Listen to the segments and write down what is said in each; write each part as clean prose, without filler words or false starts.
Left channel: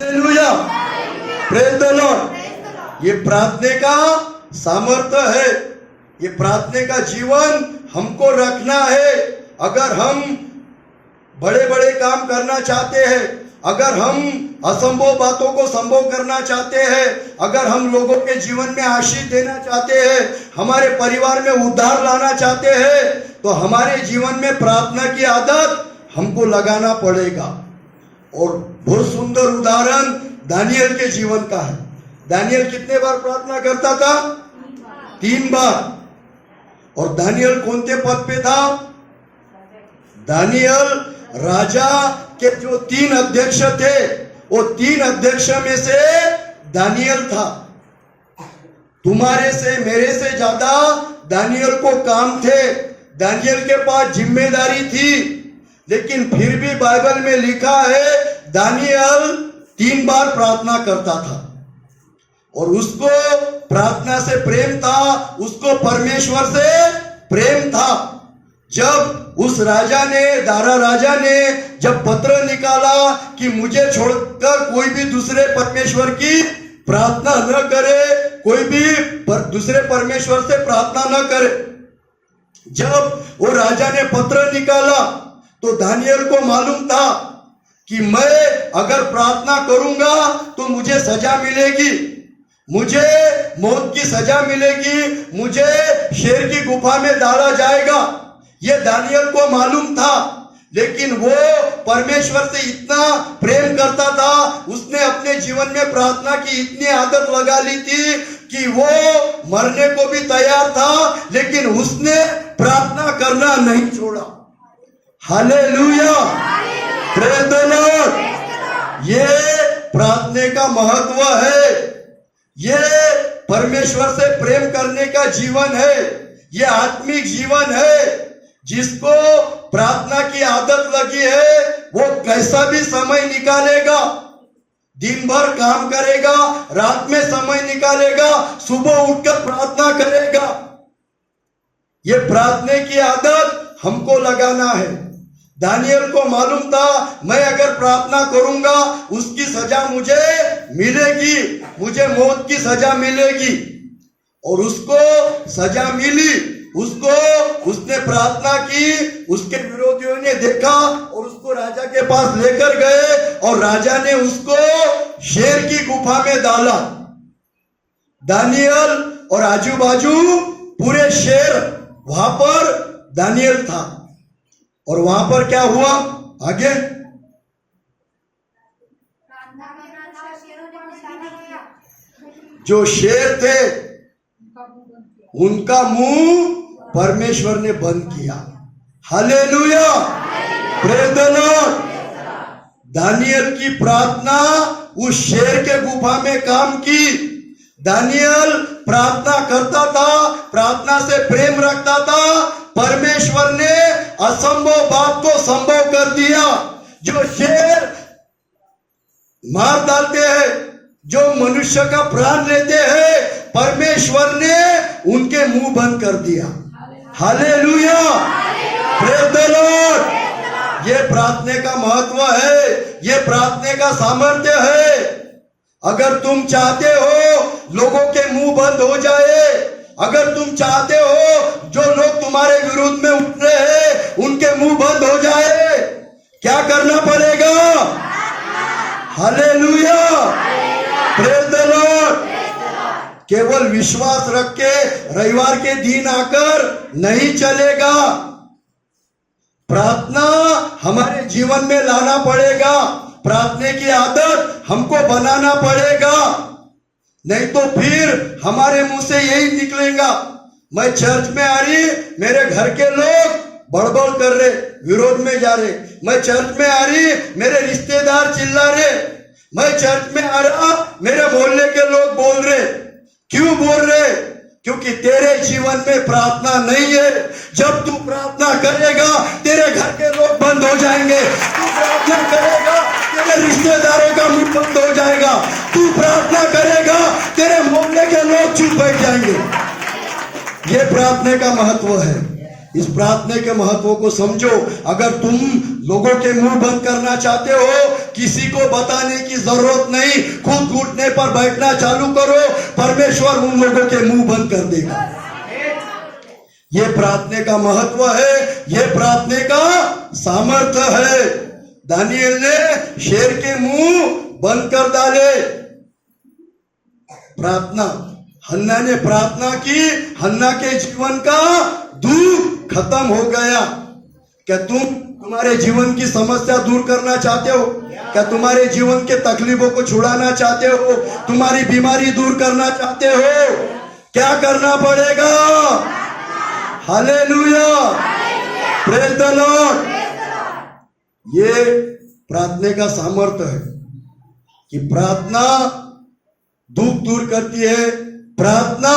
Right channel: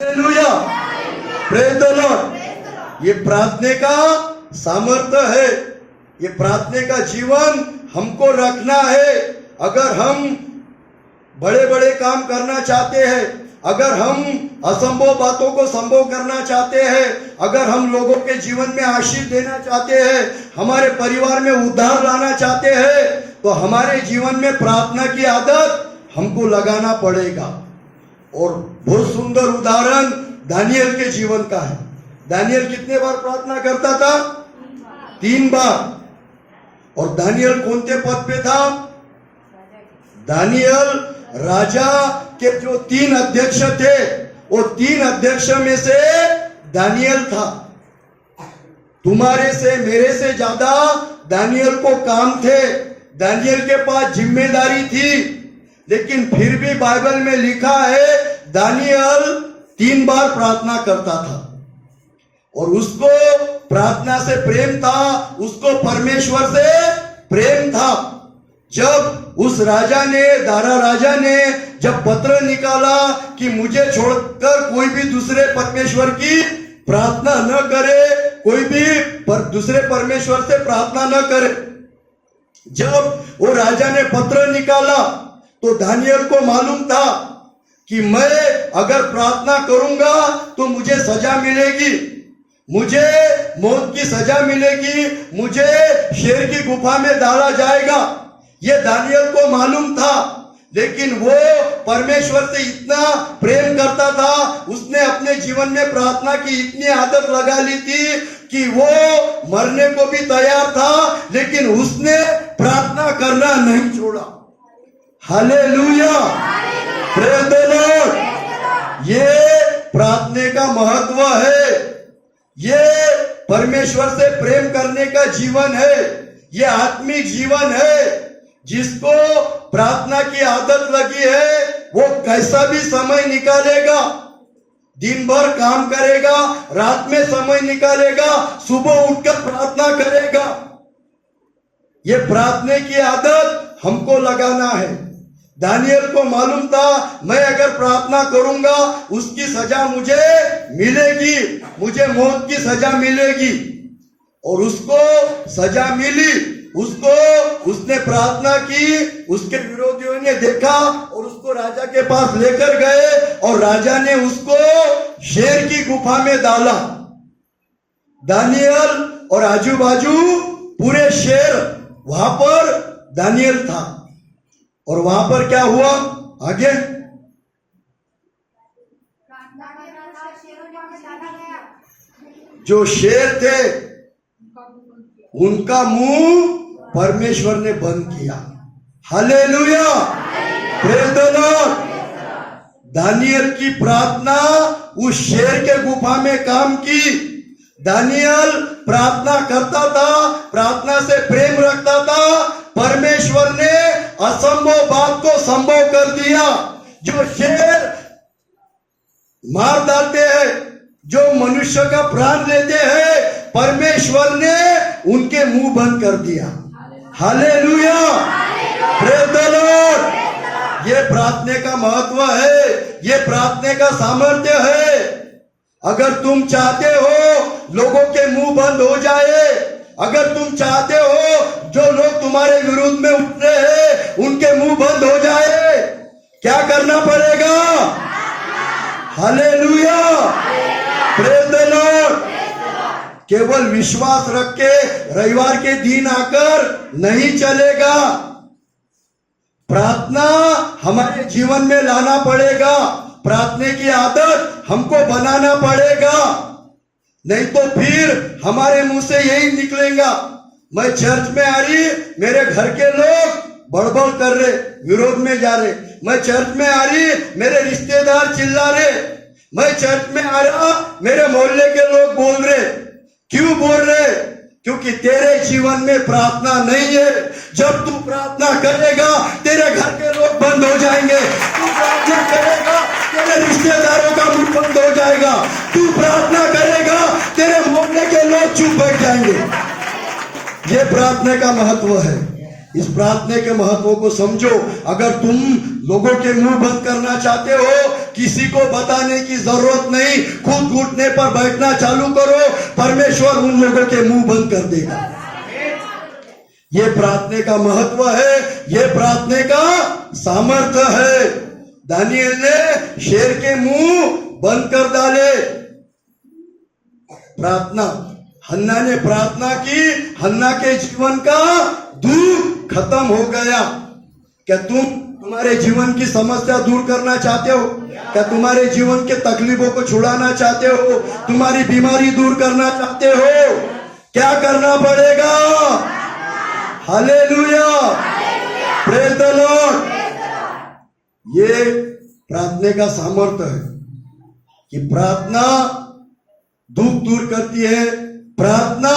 Hallelujah, praise the Lord. ये प्रार्थना का सामर्थ्य है, ये प्रार्थना का जीवन हमको रखना है। अगर हम बड़े बड़े काम करना चाहते हैं, अगर हम असंभव बातों को संभव करना चाहते हैं, अगर हम लोगों के जीवन में आशीष देना चाहते हैं, हमारे परिवार में उद्धार लाना चाहते हैं, तो हमारे जीवन में प्रार्थना की आदत हमको लगाना पड़ेगा। और बहुत सुंदर उदाहरण दानियल के जीवन का है। दानियल कितने बार प्रार्थना करता था? 3 बार। और दानियल कौन से पद पे था? दानियल राजा के जो 3 अध्यक्ष थे, वो 3 अध्यक्ष में से दानियल था। तुम्हारे से मेरे से ज्यादा दानियल को काम थे, दानियल के पास जिम्मेदारी थी। लेकिन फिर भी बाइबल में लिखा है दानियल 3 बार प्रार्थना करता था। और उसको प्रार्थना से प्रेम था, उसको परमेश्वर से प्रेम था। जब उस राजा ने, दारा राजा ने जब पत्र निकाला कि मुझे छोड़कर कोई भी दूसरे परमेश्वर की प्रार्थना न करे, कोई भी दूसरे परमेश्वर से प्रार्थना न करे, जब वो राजा ने पत्र निकाला तो दानियल को मालूम था कि मैं अगर प्रार्थना करूंगा तो मुझे सजा मिलेगी, मुझे मौत की सजा मिलेगी, मुझे शेर की गुफा में डाला जाएगा। ये दानियल को मालूम था। लेकिन वो परमेश्वर से इतना प्रेम करता था, उसने अपने जीवन में प्रार्थना की इतनी आदत लगा ली थी कि वो मरने को भी तैयार था, लेकिन उसने प्रार्थना करना नहीं छोड़ा। Hallelujah, praise the Lord. ये प्रार्थना का महत्व है, ये परमेश्वर से प्रेम करने का जीवन है, ये आत्मिक जीवन है। जिसको प्रार्थना की आदत लगी है वो कैसा भी समय निकालेगा, दिन भर काम करेगा, रात में समय निकालेगा, सुबह उठकर प्रार्थना करेगा। ये प्रार्थना की आदत हमको लगाना है। दानियल को मालूम था मैं अगर प्रार्थना करूंगा उसकी सजा मुझे मिलेगी, मुझे मौत की सजा मिलेगी। और उसको सजा मिली, उसने प्रार्थना की, उसके विरोधियों ने देखा और उसको राजा के पास लेकर गए और राजा ने उसको शेर की गुफा में डाला। दानियल और आजू बाजू पूरे शेर, वहां पर दानियल था। और वहां पर क्या हुआ आगे? जो शेर थे उनका मुंह परमेश्वर ने बंद किया। Hallelujah, praise the lord. Daniel की प्रार्थना उस शेर के गुफा में काम की। दानियल प्रार्थना करता था, प्रार्थना से प्रेम रखता था। परमेश्वर ने असंभव बात को संभव कर दिया। जो शेर मार डालते हैं, जो मनुष्य का प्राण लेते हैं, परमेश्वर ने उनके मुंह बंद कर दिया। Hallelujah, praise the Lord. ये प्रार्थना का महत्व है, ये प्रार्थना का सामर्थ्य है। अगर तुम चाहते हो लोगों के मुंह बंद हो जाए, अगर तुम चाहते हो जो लोग तुम्हारे विरुद्ध में उठ रहे हैं उनके मुंह बंद हो जाए, क्या करना पड़ेगा? Hallelujah, praise the Lord. केवल विश्वास रख के रविवार के दिन आकर नहीं चलेगा। प्रार्थना हमारे जीवन में लाना पड़ेगा, प्रार्थना की आदत हमको बनाना पड़ेगा। नहीं तो फिर हमारे मुंह से यही निकलेगा, मैं चर्च में आ रही, मेरे घर के लोग बड़बड़ कर रहे, विरोध में जा रहे। मैं चर्च में आ रही, मेरे रिश्तेदार चिल्ला रहे। मैं चर्च में आ रहा, मेरे मोहल्ले के लोग बोल रहे। क्यों बोल रहे? क्योंकि तेरे जीवन में प्रार्थना नहीं है। जब तू प्रार्थना करेगा तेरे घर के लोग बंद हो जाएंगे। तू प्रार्थना करेगा तेरे रिश्तेदारों का मुंह बंद हो जाएगा। तू प्रार्थना करेगा तेरे मोहल्ले के लोग चुप बैठ जाएंगे। ये प्रार्थना का महत्व है। इस प्रार्थना के महत्व को समझो। अगर तुम लोगों के मुंह बंद करना चाहते हो किसी को बताने की जरूरत नहीं, खुद घुटने पर बैठना चालू करो, परमेश्वर उन लोगों के मुंह बंद कर देगा। ये प्रार्थना का महत्व है, ये प्रार्थना का सामर्थ्य है। दानियल ने शेर के मुंह बंद कर डाले। प्रार्थना, हन्ना ने प्रार्थना की, हन्ना के जीवन का दुख खत्म हो गया। क्या तुम्हारे जीवन की समस्या दूर करना चाहते हो? क्या तुम्हारे जीवन के तकलीफों को छुड़ाना चाहते हो? तुम्हारी बीमारी दूर करना चाहते हो? क्या करना पड़ेगा? Hallelujah, praise the Lord. ये प्रार्थना का सामर्थ्य है कि प्रार्थना दुख दूर करती है, प्रार्थना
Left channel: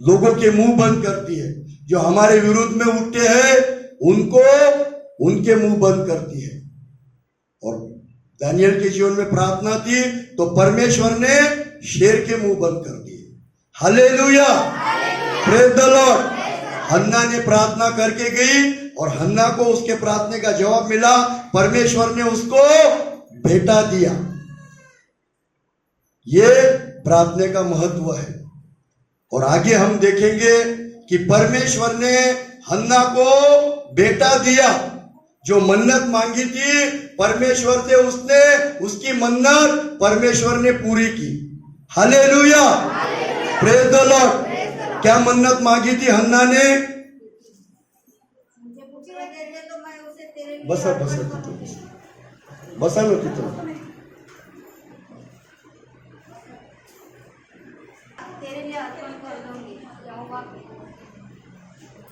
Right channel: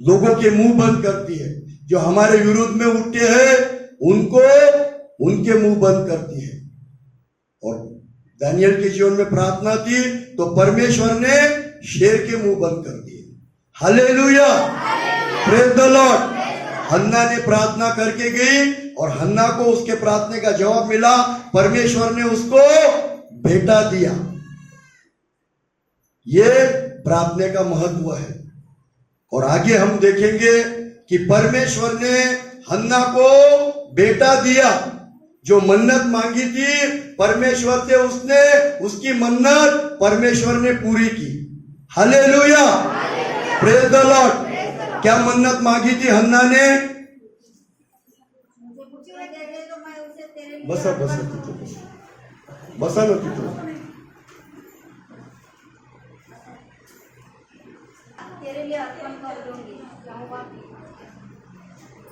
लोगों के मुंह बंद करती है। जो हमारे विरुद्ध में उठते हैं उनको उनके मुंह बंद करती है। और दानियल के जीवन में प्रार्थना थी तो परमेश्वर ने शेर के मुंह बंद कर दिए। Hallelujah, praise the Lord. Hannah ने प्रार्थना करके गई और हन्ना को उसके प्रार्थना का जवाब मिला। परमेश्वर ने उसको बेटा दिया। ये प्रार्थना का महत्व है। और आगे हम देखेंगे कि परमेश्वर ने हन्ना को बेटा दिया। जो मन्नत मांगी थी परमेश्वर से, उसने उसकी मन्नत परमेश्वर ने पूरी की। Hallelujah, praise the Lord. क्या मन्नत मांगी थी हन्ना ने? बसा बसा बसा न तिथं।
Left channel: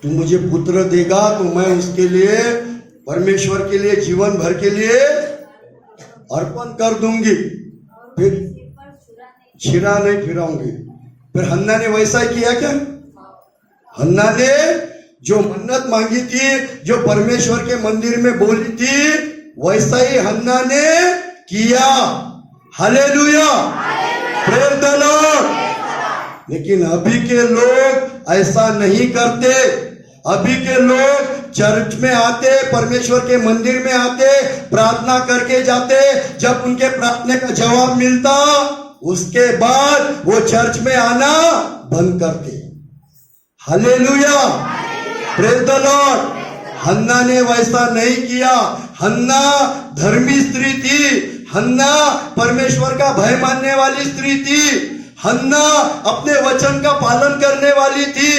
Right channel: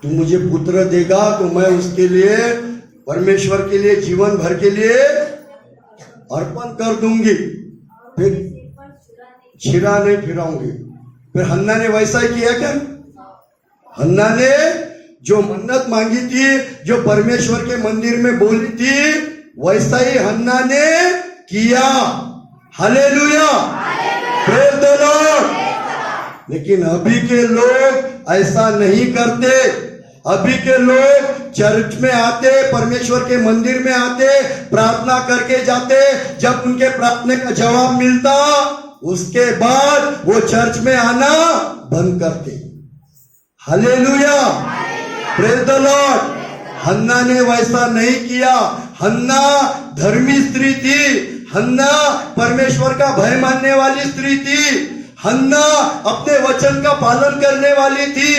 तू मुझे पुत्र देगा तो मैं उसके लिए, परमेश्वर के लिए, जीवन भर के लिए अर्पण कर दूंगी, फिर छिरा नहीं फिराऊंगी। फिर हन्ना ने वैसा ही किया क्या? हन्ना ने जो मन्नत मांगी थी, जो परमेश्वर के मंदिर में बोली थी, वैसा ही हन्ना ने किया। Hallelujah, praise the Lord. लेकिन अभी के लोग ऐसा नहीं करते। अभी के लोग चर्च में आते, परमेश्वर के मंदिर में आते, प्रार्थना करके जाते। जब उनके प्रार्थना का जवाब मिलता उसके बाद वो चर्च में आना बंद करते। Hallelujah, praise the Lord. Hannah ने वैसा नहीं किया। हन्ना धर्मी स्त्री थी। हन्ना परमेश्वर का भय मानने वाली स्त्री थी। हन्ना अपने वचन का पालन करने वाली थी।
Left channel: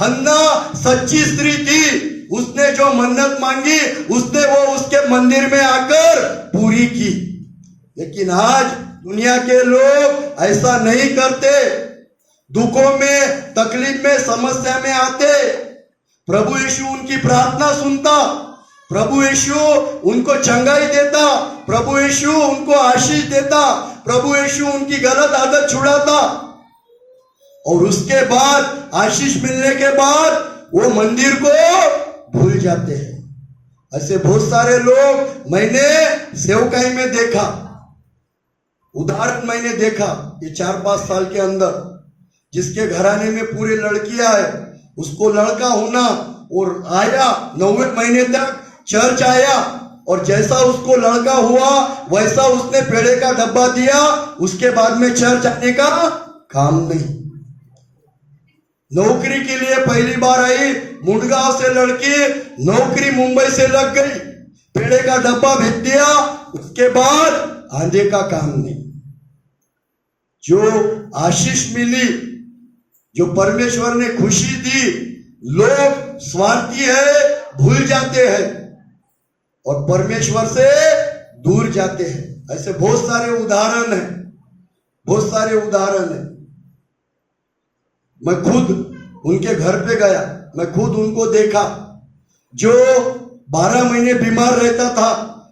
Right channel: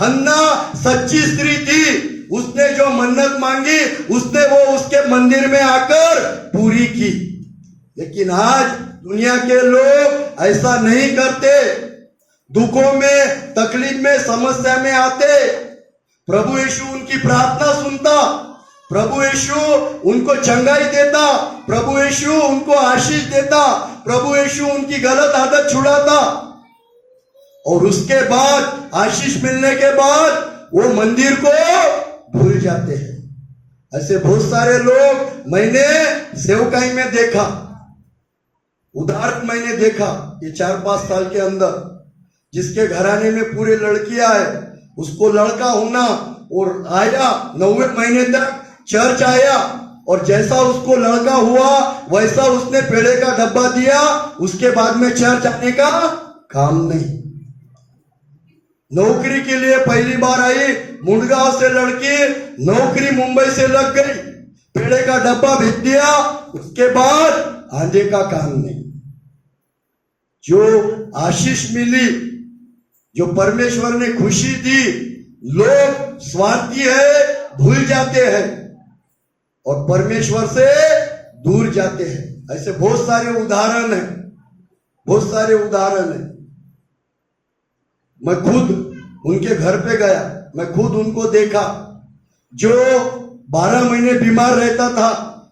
हन्ना सच्ची स्त्री थी। उसने जो मन्नत मांगी उसने वो उसके मंदिर में आकर पूरी की। लेकिन आज दुनिया के लोग ऐसा नहीं करते। दुखों में, तकलीफ में, समस्या में आते, प्रभु यीशु उनकी प्रार्थना सुनता, प्रभु यीशु उनको चंगाई देता, प्रभु यीशु उनको आशीष देता, प्रभु यीशु उनकी गलत आदत छुड़ाता। और उसके बाद, आशीष मिलने के बाद वो मंदिर को भूल जाते हैं। ऐसे बहुत सारे लोग मैंने सेवकाई में देखा, उदाहरण मैंने देखा ये 4-5 साल के अंदर। जिसके घराने में पूरे लड़कियां है, उसको लड़का होना और आया 9वें महीने तक चर्च आया, और जैसा उसको लड़का हुआ वैसा उसने पेड़े का डब्बा दिया। उसके बाद में चर्च आने का काम नहीं। नौकरी के लिए पहली बार आई, मुंडगांव से लड़की, नौकरी मुंबई से लग गई, पेड़े का डब्बा भेज दिया। उसके बाद आंधे का काम नहीं। जो आशीष मिली, जो परमेश्वर ने खुशी दी, लोग स्वार्थी है, भूल जाते हैं और परमेश्वर से दूर जाते हैं। ऐसे बहुत सारे उदाहरण हैं, बहुत सारे उदाहरण हैं। मैं खुद उनके घर पे गया, मैं खुद उनको देखा। जो 12 महीने बीमार रहता था,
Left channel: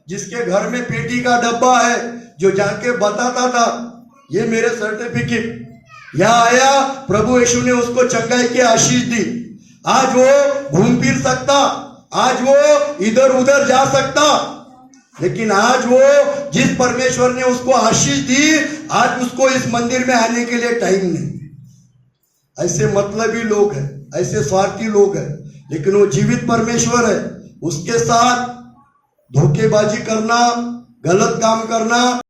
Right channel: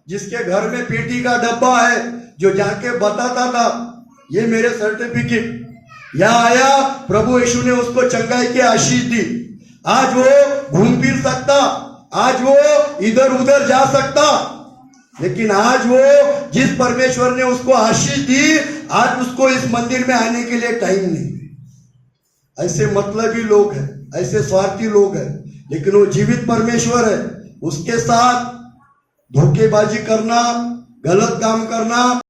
जिसके घर में पेटी का डब्बा है, जो जाके बताता था ये मेरे सर्टिफिकेट, यहां आया, प्रभु यीशु ने उसको चंगाई की आशीष दी। आज वो घूम फिर सकता, आज वो इधर उधर जा सकता, लेकिन आज वो जिस परमेश्वर ने उसको आशीष दी, आज उसको इस मंदिर में आने के लिए टाइम नहीं। ऐसे मतलबी लोग हैं, ऐसे स्वार्थी लोग हैं। लेकिन वो जीवित परमेश्वर है, उसके साथ धोखेबाजी करना, गलत काम करना